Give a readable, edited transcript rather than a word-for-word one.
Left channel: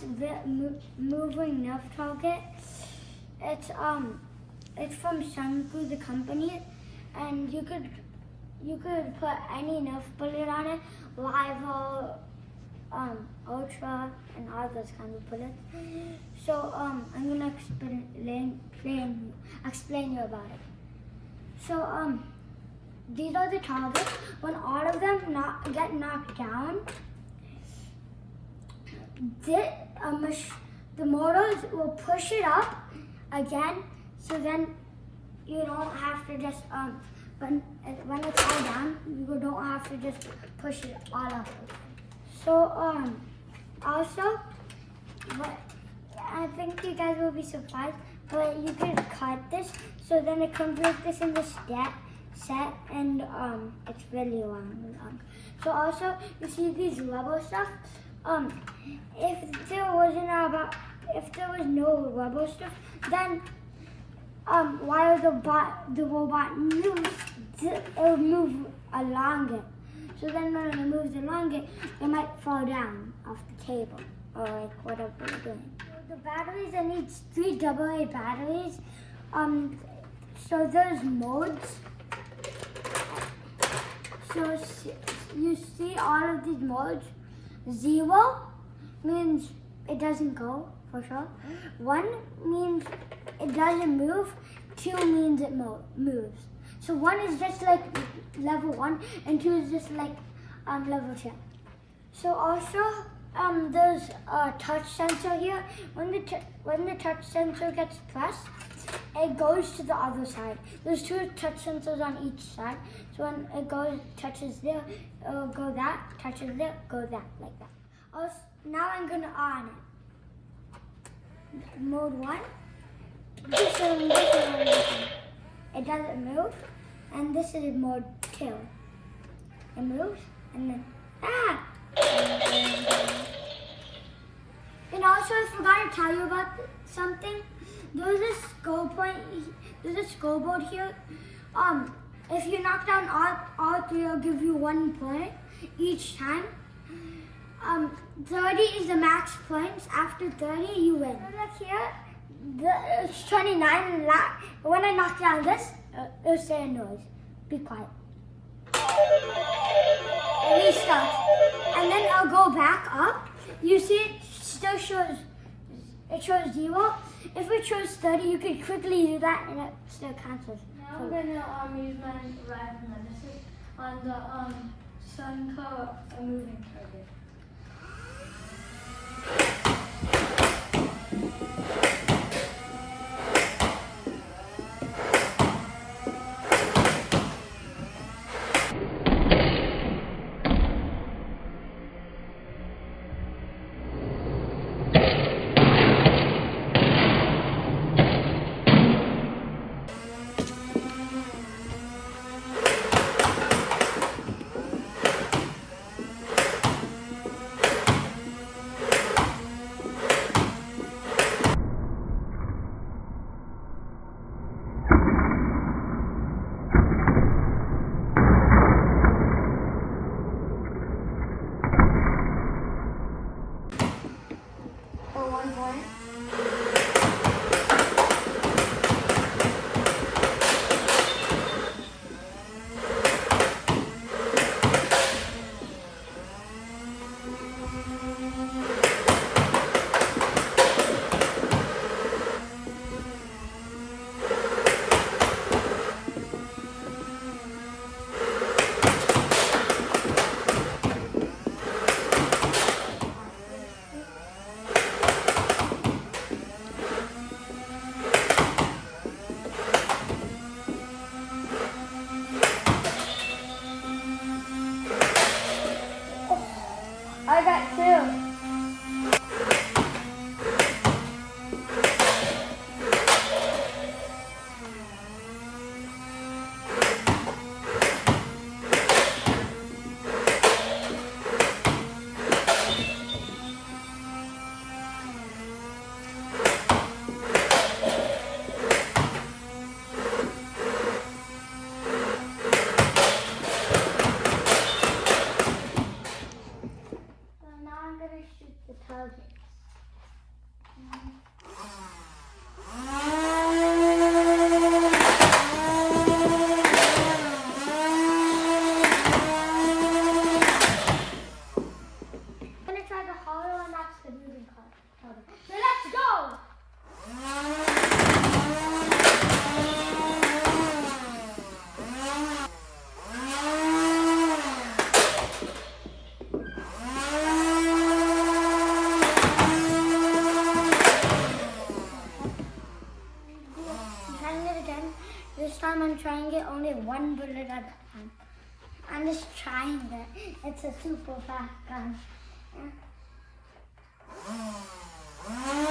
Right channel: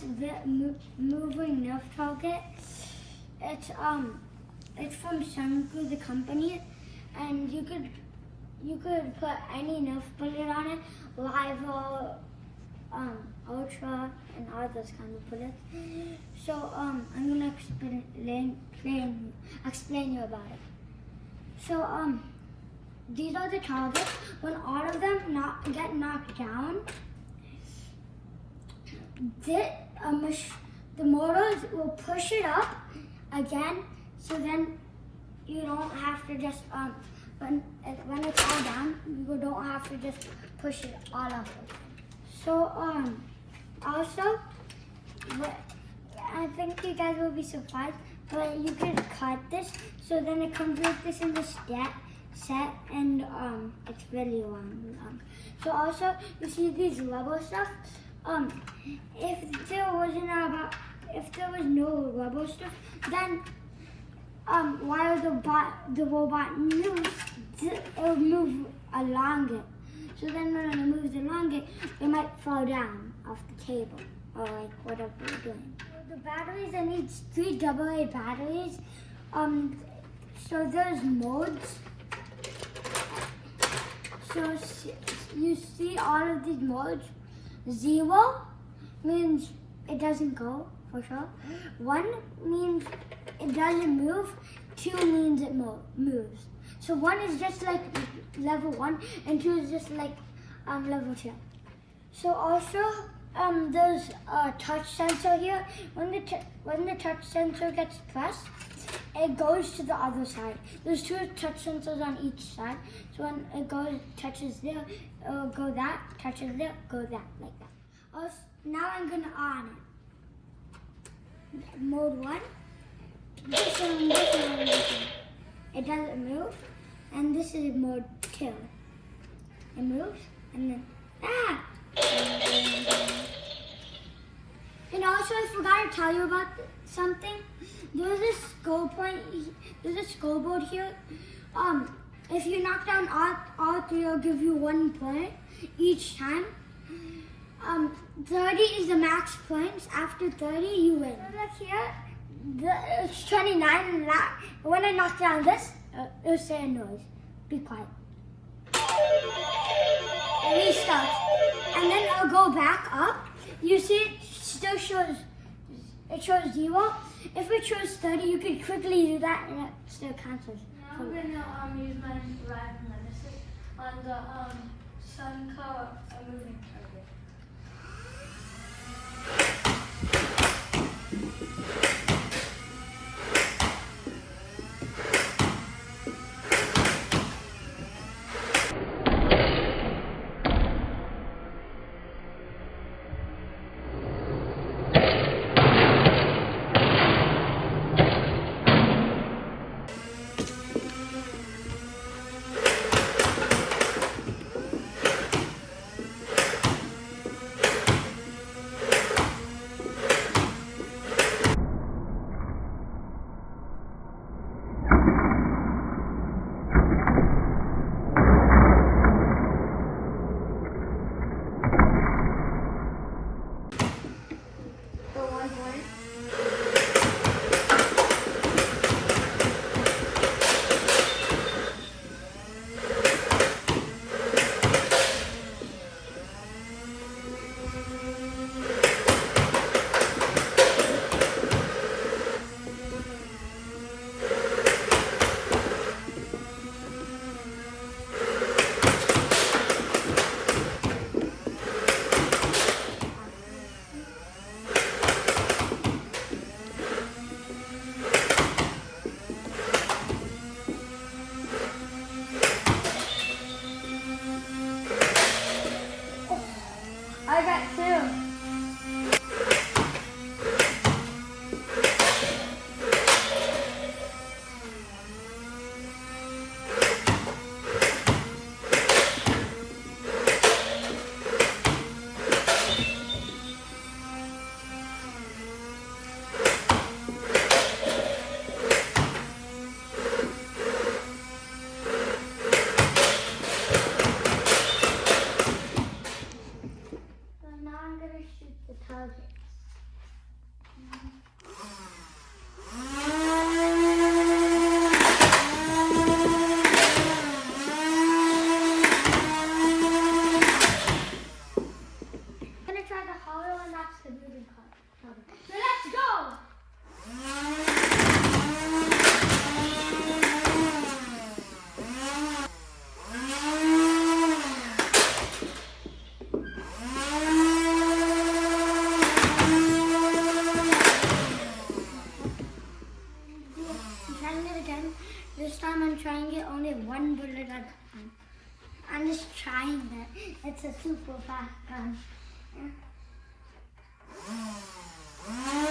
this moving Nerf target. It's from SUNCOO, the company, and you could put any Nerf bullet on it, Rival, Ultra, and all those kind of bullets. So I'm gonna explain you about it. So these are the targets. When all of them get knocked down, the motors will push it up again. So then you don't have to just when it's all down, you don't have to just push it all up. So also, I think you guys will be surprised, but you can cut this, so then it comes like this in the set, and it's really long. So also, you see these rubber stuff. If there was no rubber stuff, then while the robot moves, it'll move along it. So then when it moves along it, it might fall down off the table or like whatever you're doing. The batteries, I need 3 AA batteries. So there's modes. So you see all of these modes. 0 means it doesn't go, for sure. 1 means it doesn't move. 2 means it moves. So 1 is just like level 1, and 2 is just like level 2. So also there's a touch sensor here. When the touch sensor gets pressed, it goes to the other side. There's 2 touch sensors on each side. So when it touches there, it'll go that, touches there, go that, like that. Also, now I'm gonna on it. Mode 1. This one. It doesn't move. And this is mode 2. It moves, and then, And also, I forgot to tell you about something. There's a scoreboard here. If you knock down all 3, it'll give you 1 point each time. 30 is the max points. After 30, you win. So look here, it's 29, and when I knock down this, it'll say a noise. Be quiet. It restarts, and then I'll go back up. You see, it still shows 0. If it shows 30, you can quickly do that, and it still counts as. Now I'm gonna use my Rival Series on the SUNCOO moving target. I'm trying it only one bullet at a time. I'm just trying it. It's a super fast gun. Yeah.